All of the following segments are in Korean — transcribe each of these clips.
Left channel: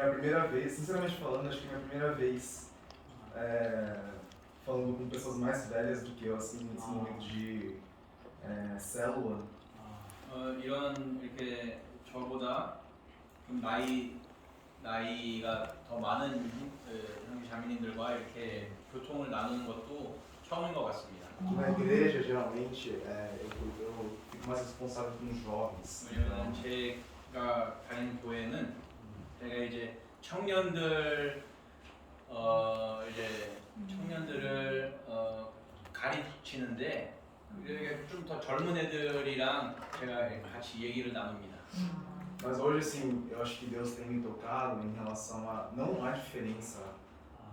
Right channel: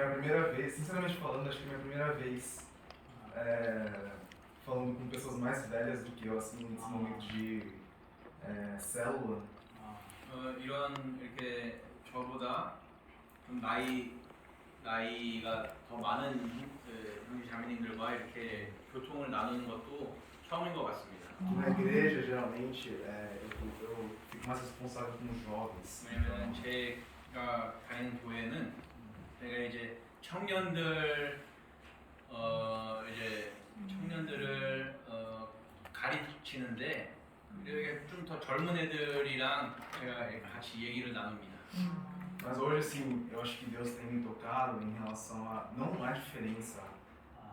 é a primeira vez, sinceramente falando, acho que é a minha primeira vez falando com pessoas mais velhas do que eu, assim, nesse momento de célula. 이런 이렇게 저보다 좀 나이가 더 많은 형제 자매님들과 이렇게 교통을 나누는 것도 처음인 것 같습니다. Na igreja, geralmente, eu fico mais responsável com os jovens. 왜냐면 제가 다니는 교회는 제가 이제 청년들을 가르치는데 좀 더 젊은 애들이랑 제가 같이 얘기를 나눕니다. Mas hoje, assim, eu acho que Deus tem me tocado em relação a não há diferença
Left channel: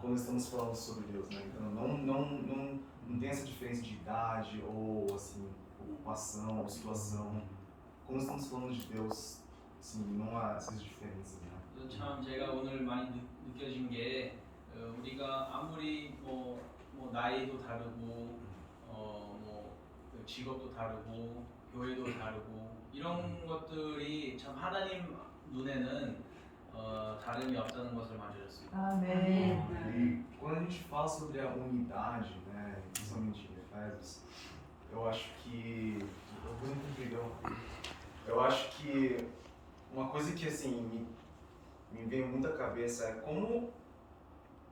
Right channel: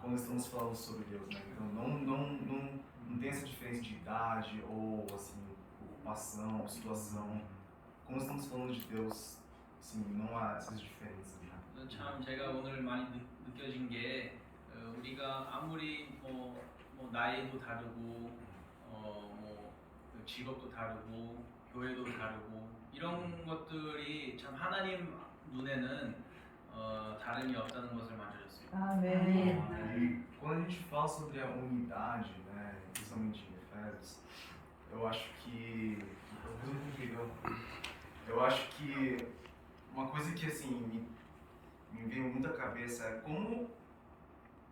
quando estamos falando sobre Deus, né? Então não tem essa diferença de idade ou assim ocupação, ou situação. Quando estamos falando de Deus, assim, não há essas diferenças, né? 참 제가 오늘 많이 느껴진 게 우리가 아무리 뭐 나이도 다르고 뭐 직업도 다르고 교회도 다르고 이런 것들이 참 하나님 눈에는 다름이 없다는 것을 만져졌습니다. 아멘. E quando a gente fala sobre a unidade, né, principalmente em Efésios, eu acho que uma coisa que assim me veio muito à cabeça é como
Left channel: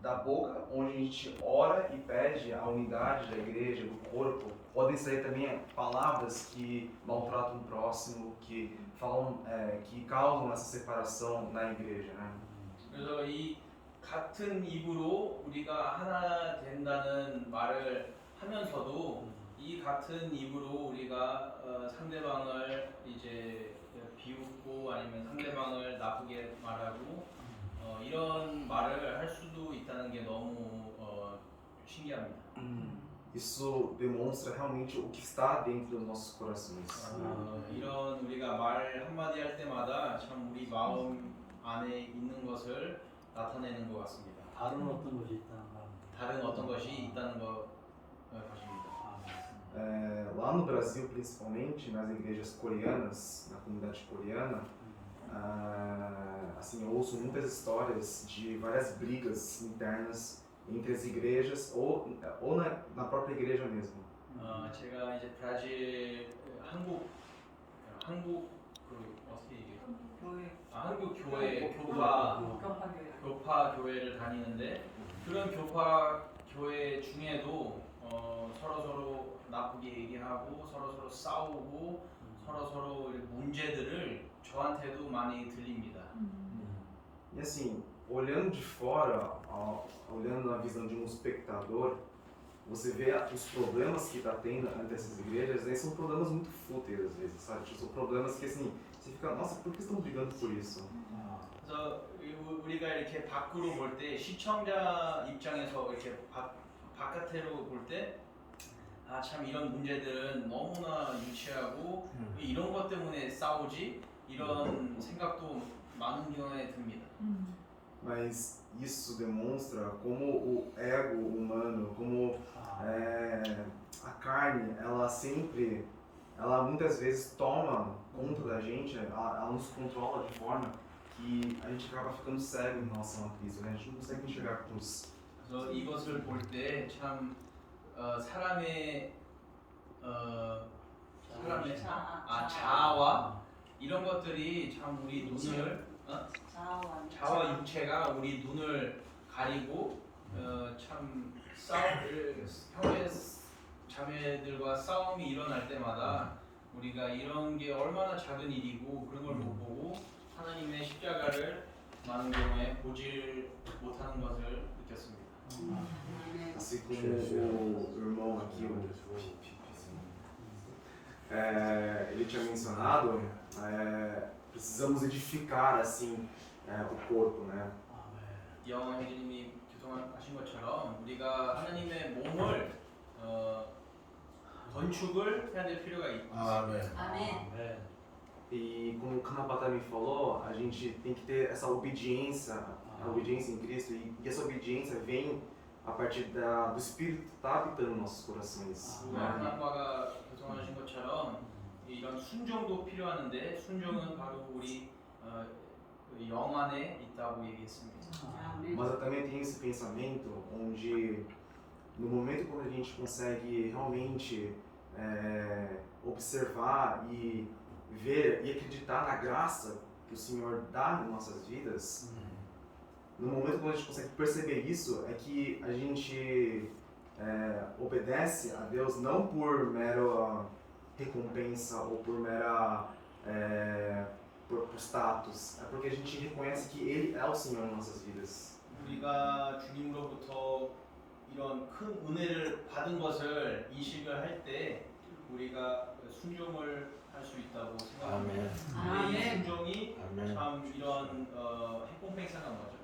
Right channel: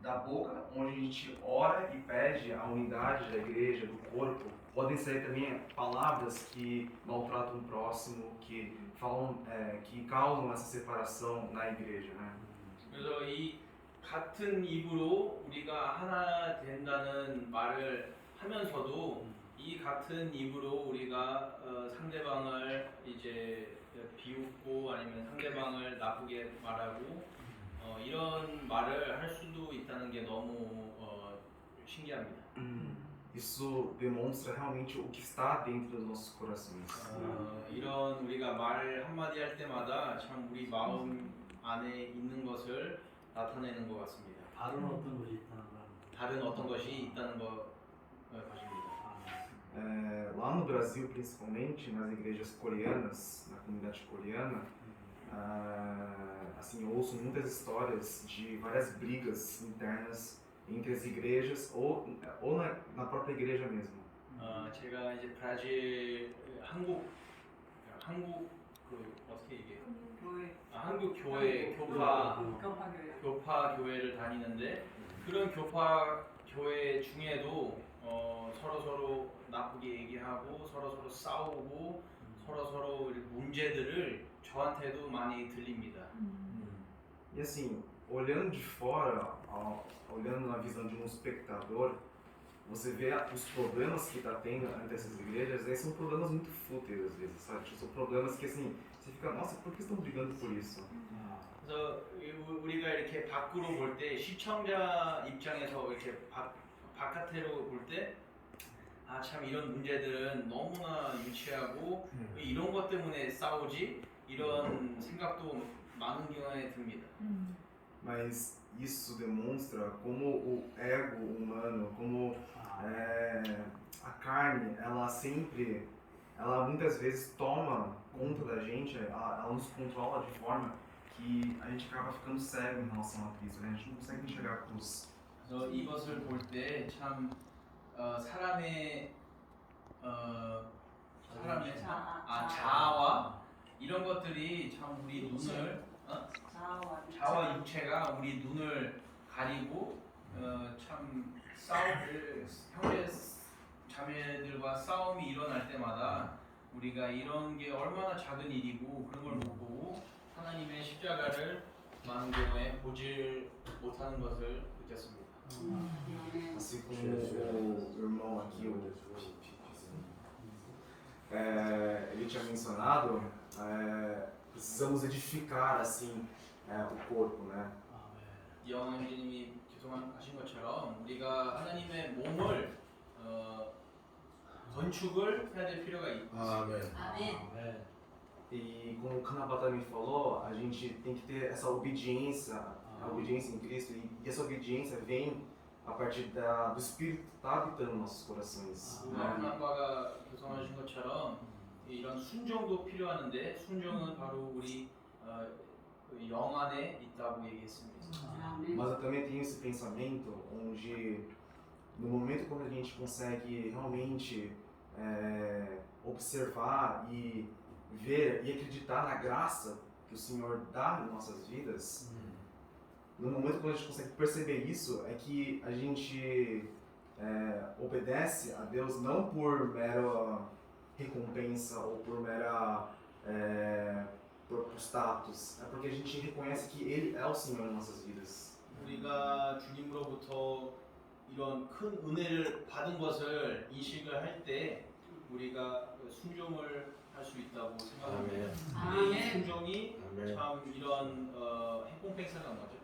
da boca onde a gente ora e pede a unidade da igreja, do corpo, podem sair também palavras que maltratam o próximo, que falam, que causam essa separação na igreja, né? 그래서 이 같은 입으로 우리가 하나 된다는 말을 하면서도 이 같은 입으로 우리가 상대방을 이제 비웃고 아니면 상대방을 나쁘게 말하고 이런 말을 할 수도 있다는 게 너무 신기합니다. Isso demonstra realmente o que está dentro dos nossos corações. 이런 우리가 말 한마디 할 때마다 참 우리 마음 안에 있는 것을 나타내는 것 같습니다. 다른 어떤 것이 있다는 말입니다. 다른 어떤 것이 있다는 것입니다. Lá no Brasil, principalmente nas igrejas coreanas, na comunidade coreana, assim, eu ouço muitas histórias de várias brigas internas entre as igrejas ou na própria igreja mesmo. 제가 이제 브라질 한국 어떻게 얘기해? 한국 교회 교파 교회를 다니는데 그런 교파 교회 중에도 서로 na쁘게 얘기하고 서로 싸우고 서로 문제들을 저한테도 많이 들립니다. E assim, olhando de fora, olhando na visão de um espectador, você vê os problemas que está tendo entre essas igrejas, aí são problemas muito fúteis às vezes, sabe? São problemas que assim, você fica, nossa, por que estão brigando por isso? 그래서 우리가 이렇게 밖으로 볼 때 시청자 입장에서 이렇게 바깥으로 볼 때 아 참 이런 문제들은 너무나 유치하고 왜 이런 것 때문에 싸우지? 이런 생각도 많은 경우에 듭니다. Mas isso demonstra como o ego humano, como a carne, ela muitas vezes toma conta da gente, ela nos controla de forma que a gente acaba ficando cego em relação a Cristo, né? A gente não consegue enxergar a cruz. 그래서 이것을 볼 때 참 사람의 자아와 이런 것들이 참 우리 눈을 자아와 육체가 우리 눈을 가리고 참 형제 자매들과 싸움이 일어날 때마다 우리가 이런 게 얼마나 작은 일이고 그런 걸 못 보고 하나님의 십자가를 많은 경우에 보질 못하는 것을 느꼈습니다. Assim como o irmão aqui, ele tinha mencionado, precisamos edificar assim o corpo, né? 영원 형제님이 교통하신 것처럼 우리가 하나님의 몸을 건축을 해야 될 필요가 있습니다. 아멘. E como o Kanabata me falou, a gente tem que ter essa obediência, a obediência em Cristo, e essa obediência vem a partir do Espírito que está habitando nos nossos corações. 하나님과 교통하신 것처럼 이런 순종도 필요하는데 순종은 바로 우리 영 안에 있다고 얘기했습니다. 아멘. Mas eu também tenho esse pensamento onde, no momento quando a gente consegue realmente observar e ver e acreditar na graça que o Senhor dá em nossas vidas, no momento quando a gente consegue perceber isso, é que a gente obedece a Deus não por mera recompensa ou por mera por status, é porque a gente reconhece que Ele é o Senhor em nossas vidas. 우리가 주님으로부터 이런 큰 은혜를 받은 것을 인식을 할 때 우리가 순종을 할 수 있다고 생각합니다. 아멘. 이 순종이 아멘. 참 이런 해공팽상한 거죠.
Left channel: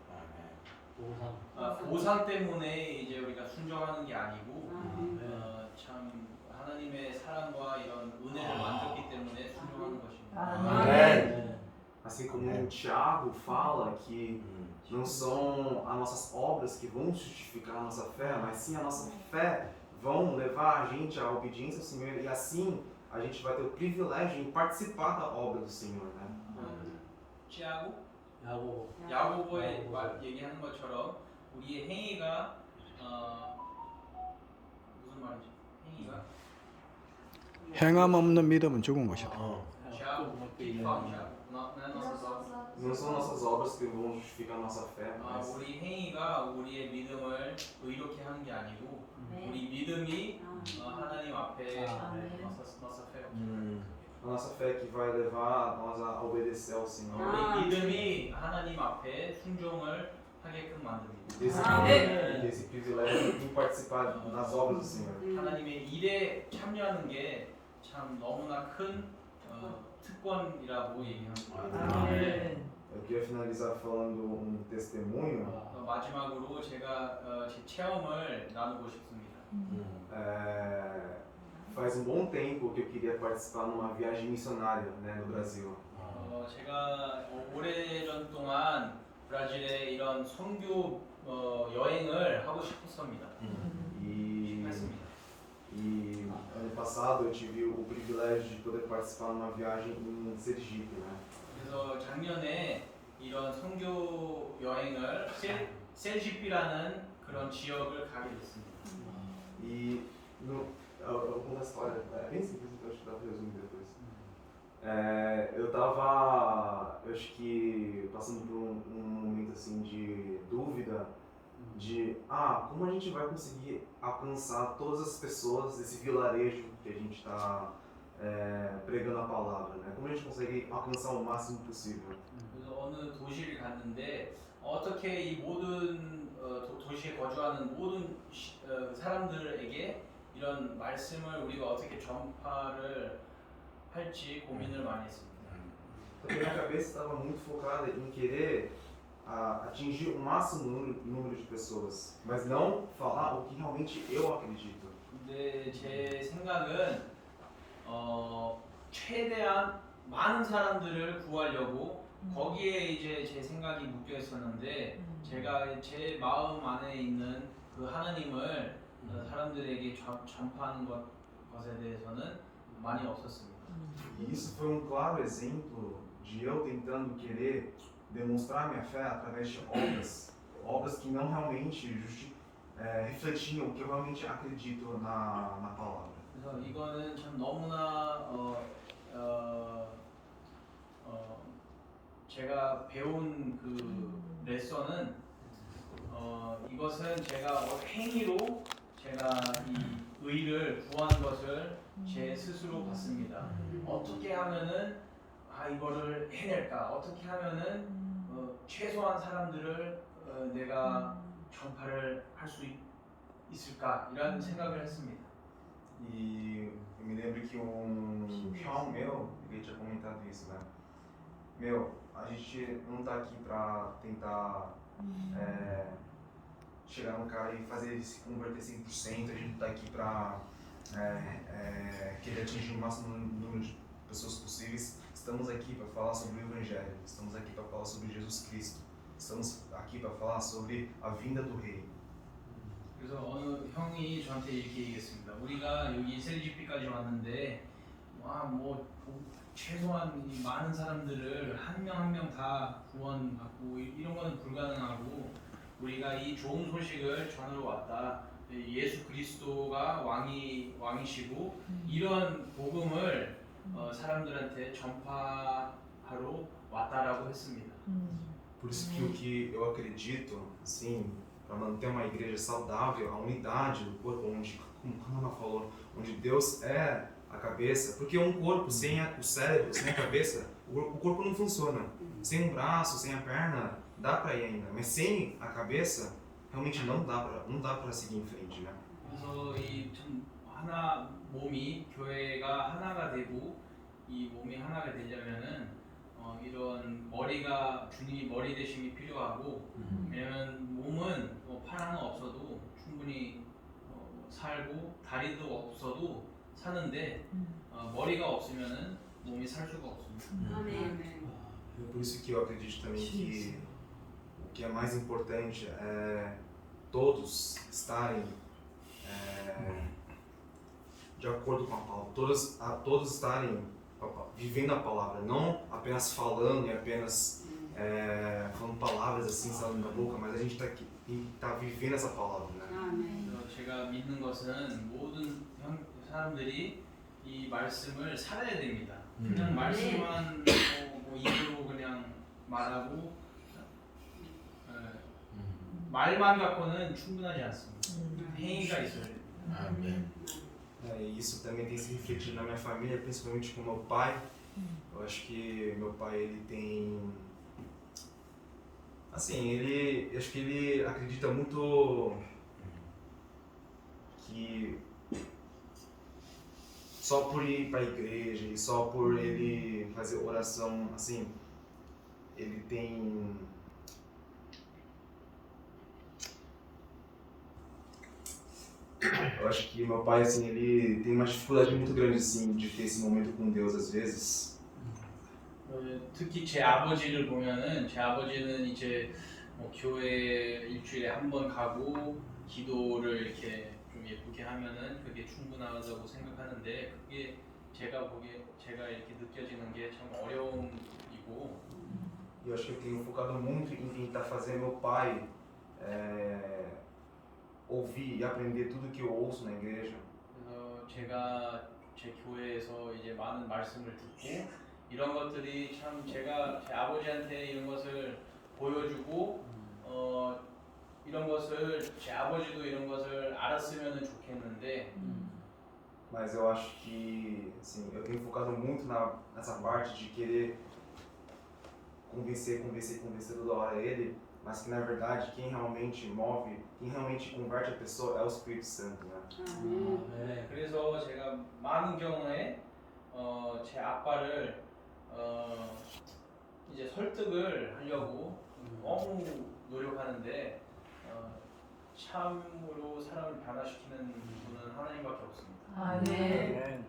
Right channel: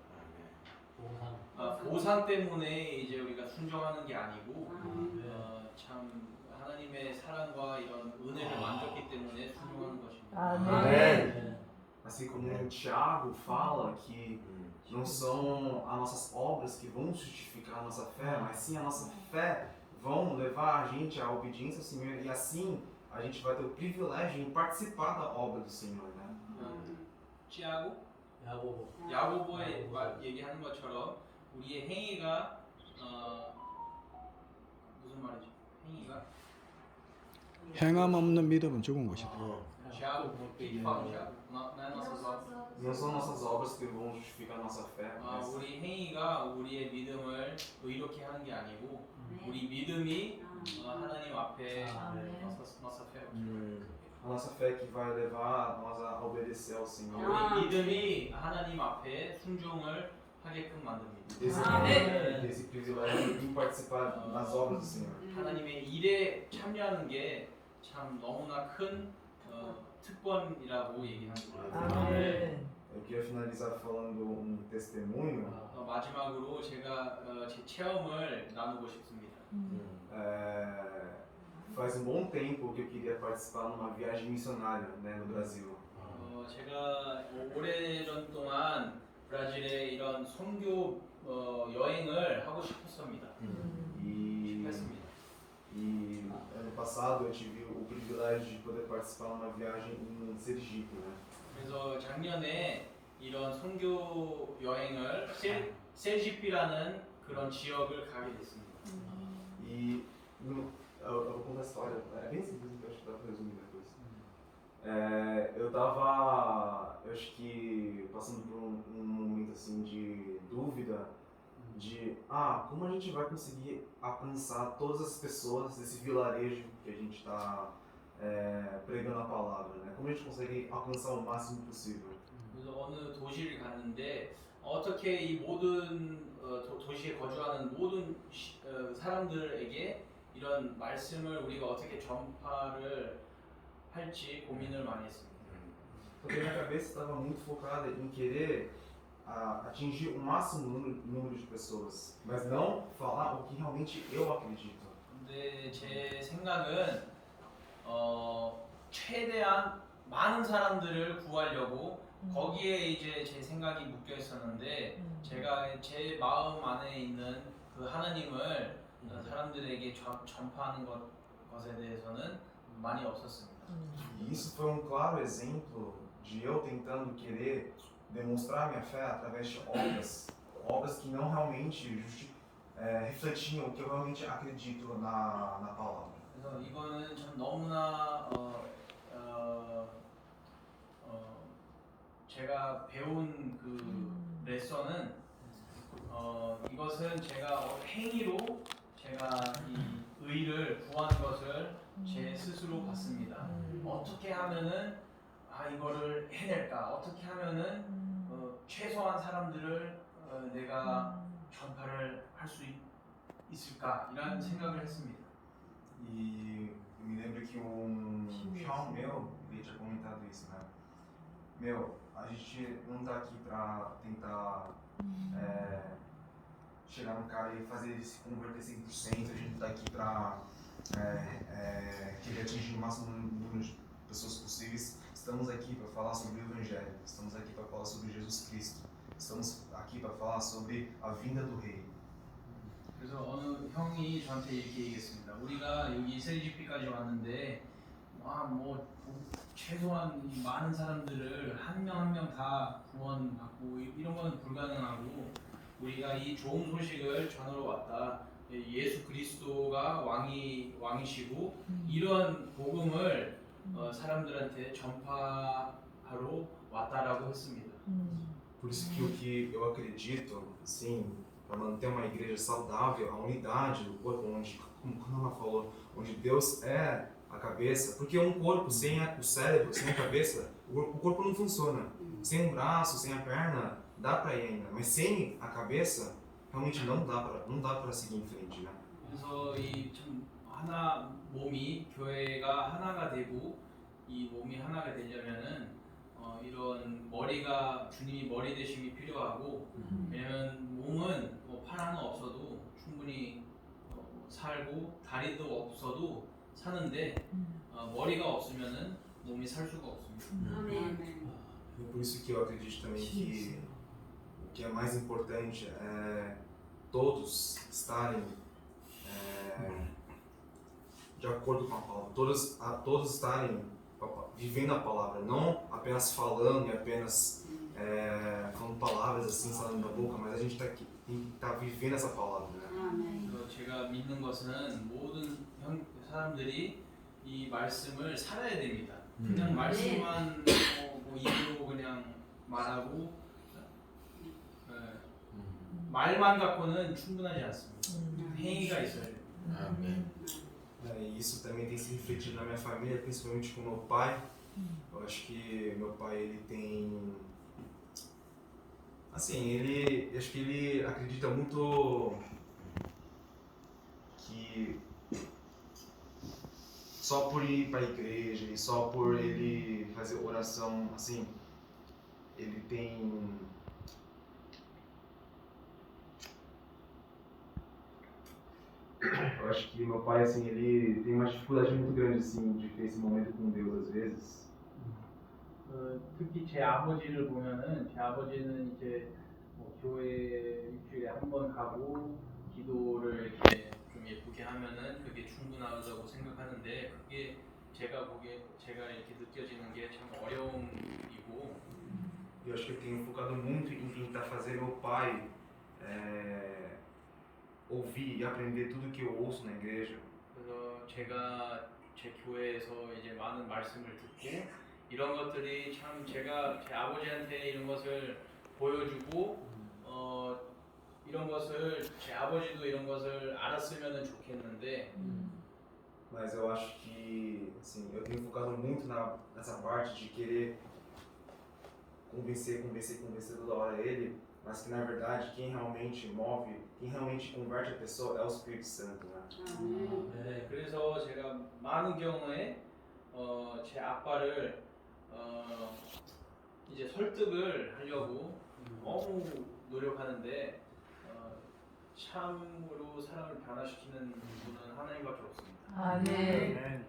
보상. 보상 때문에 이제 우리가 순종하는 게 아니고 아멘. 참 하나님의 사랑과 이런 은혜를 만졌기 때문에 순종하는 것입니다. 아멘. Assim como Tiago fala que não são as nossas obras que vão justificar a nossa fé, mas sim a nossa fé vão levar a gente à obediência ao Senhor e assim a gente vai ter o privilégio em participar da obra do Senhor, né? 지하고 야고보. 야고보의 얘기하는 것처럼 우리의 행위가 무슨 말이죠? 행위가 행함 없는 믿음은 죽은 것이다. 지하고 Não são nossas obras que vão justificar a nossa fé, mas 우리 행위가 우리의 믿음을 의롭게 하는 게 아니고 우리 믿음이 하나님 앞에 nossa fé. a nossa fé que vai levar nós a obedecer ao Senhor. 우리 믿음이 하나님 앞에 순종을 하게끔 만듭니다. Desse privilégio de participar das obras do Senhor. 하나님의 일에 참여하는 게 참 너무나 큰 특권이라고 얘기합니다. Eu queria finalizar falando testemunho. 마지막으로 제가 제 체험을 나누고 싶습니다. Faz bom tempo que eu queria participar numa viagem missionária, né, no Brasil. 제가 오래전 동안 브라질에 이런 선교 여행을 하고 싶었습니다. 싶었습니다. E ano passado eu tive o privilégio de poder participar numa viagem em Sergipe, né? 그래서 작년에 이런 선교 여행을 셀지피라는 그런 지역을 가게 됐습니다. E eu vou contar a história, é bem simples, então acho que dá para resumir depois. Eu acho que passando por um momento assim de dúvida de como a gente vai conseguir alcançar todas as pessoas desse vilarejo que a gente está pregando a palavra, né? Como a gente consegue alcançar o máximo possível? 그래서 어느 도시를 갔는데 어떻게 이 모든 도시에 거주하는 모든 사람들에게 이런 말씀을 우리가 어떻게 전파를 할지 고민을 많이 했습니다. Porque minha cabeça estava muito focada em querer atingir o máximo número de pessoas, mas não falar o que realmente eu acredito. 근데 제 생각은 최대한 많은 사람들을 구하려고 거기에 이제 제 생각이 묶여 있었는데 제가 제 마음 안에 있는 그 하나님을 사람들에게 전파하는 것에 대해서는 많이 없었습니다. E isso foi claro exemplo de eu tentando querer demonstrar minha fé através de obras que não realmente refletiam o que eu realmente acredito na palavra. 그래서 이거는 참 너무나 제가 배운 그 레슨은 이것은 제가 행위로 제가 이 의를 구하는 것을 제 스스로 봤습니다. 어떻게 하면은 이거를 해낼까? 어떻게 하면은 최소한 사람들을 내가 전파를 할 수 있을까? 이런 생각을 했습니다. E eu me lembro que irmão meu, ele tinha comentado isso, né? A gente não tá aqui pra tentar chegar no cara e fazer ele se converter 100%, a gente tá aqui pra querer atingir o máximo número de pessoas possíveis. Estamos aqui para falar sobre o Evangelho, estamos aqui para falar sobre Jesus Cristo, estamos aqui para falar sobre a vinda do Rei. 그래서 어느 형이 저한테 이렇게 얘기했습니다. 우리가 여기 셀지피까지 왔는데 뭐 최소한 이 많은 사람들을 한 명 한 명 다 구원받고 이런 거는 불가능하고 우리가 이 좋은 소식을 전하러 왔다. 예수 그리스도가 왕이시고 이런 복음을 사람들한테 전파하러 왔다라고 했습니다. Por isso que o que eu acredito, assim, para manter uma igreja saudável, a unidade do corpo, onde, como a Ana falou, onde Deus é a cabeça, porque um corpo sem o cérebro, sem a cabeça, o corpo não funciona. Sem um braço, sem a perna, dá para ir ainda, mas sem a cabeça, realmente não dá para seguir em frente, né? 그래서 이 참 하나 몸이 교회가 하나가 되고 이 몸이 하나가 되려면은 이런 머리가 주님이 머리 되심이 필요하고 왜냐면 몸은 뭐 팔 하나 없어도 충분히 살고 다리도 없어도 사는데 머리가 없으면은 몸이 살 수가 없습니다. 아멘. E por isso que eu acredito também que o que é mais importante é todos estarem de acordo com a palavra, todos estarem vivendo a palavra, não apenas falando e apenas falando palavras assim saindo da boca, mas a gente tem que estar vivendo essa palavra, né? 아멘. 그래서 제가 믿는 것은 모든 사람들이 이 말씀을 살아야 됩니다. 그냥 말씀만 뭐 입으로 그냥 말하고 말만 갖고는 충분하지 않습니다. 행위가 있어야 돼요. E isso também tem se refletido na minha família, principalmente com meu pai. Eu acho que meu pai ele tem, assim, acho que ele acredita muito que só por ir para a igreja e só por ele fazer oração, assim, ele tem eu acho que meu pai, assim, ele tem uma dificuldade muito grande, assim, de ter esse momento com Deus às vezes. 특히 제 아버지를 보면은 제 아버지는 이제 뭐 교회 일주일에 한 번 가고 기도를 이렇게 좀 예쁘게 하면은 그게 충분하다고 생각하는데 그게 제가 이렇게 느껴지는 게 참 어려움이고. Eu acho que eu tenho focado muito em tentar fazer meu pai ouvir e aprender tudo que eu ouço na igreja. 그래서 제가 제 교회에서 이제 많은 말씀을 듣고 이런 것들이 참 제가 제 아버지한테 이런 것을 보여주고 이런 것을 제 아버지도 이런 것을 알았으면 좋겠는데. Mas eu acho que, assim, eu tenho focado muito nessa parte de querer convencer toda hora ele, mas que na verdade quem realmente move, quem realmente converte a pessoa é o Espírito Santo, né? 아멘. 그래서 제가 많은 경우에 제 아빠를 이제 설득을 하려고 너무 노력하는데 참으로 사람을 변화시키는 분은 하나님밖에 없습니다. 아멘.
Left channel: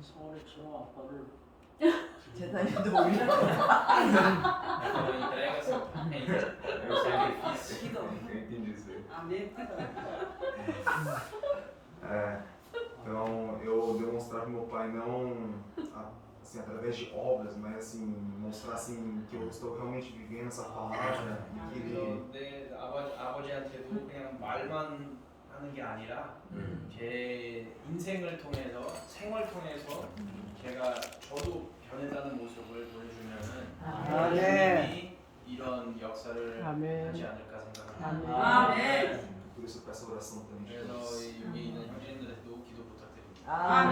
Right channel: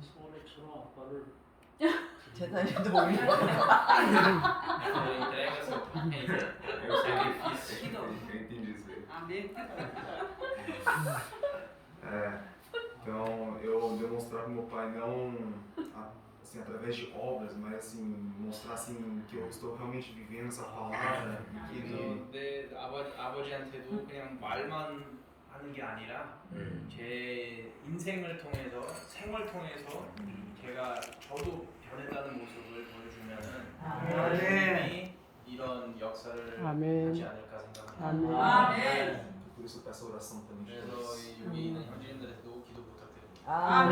서울에 저 아빠를 재단님도 모르겠네. entrega-se o sacrifício. 기도. Eu entendi isso aí. 아멘. Então eu demonstrar para meu pai não assim através de obras, mas assim mostrar assim que eu estou realmente vivendo essa palavra e que ele 그래서 내 아버지한테도 그냥 말만 하는 게 아니라 제 인생을 통해서 생활 통해서 저도 변했다는 모습을 보여주면은 하나님이 이런 역사를 하지 않을까 생각합니다. 아멘. por isso eu peço oração também de 그래서 todos. 여기 있는 형제님들한테도 기도 부탁드립니다. 아멘.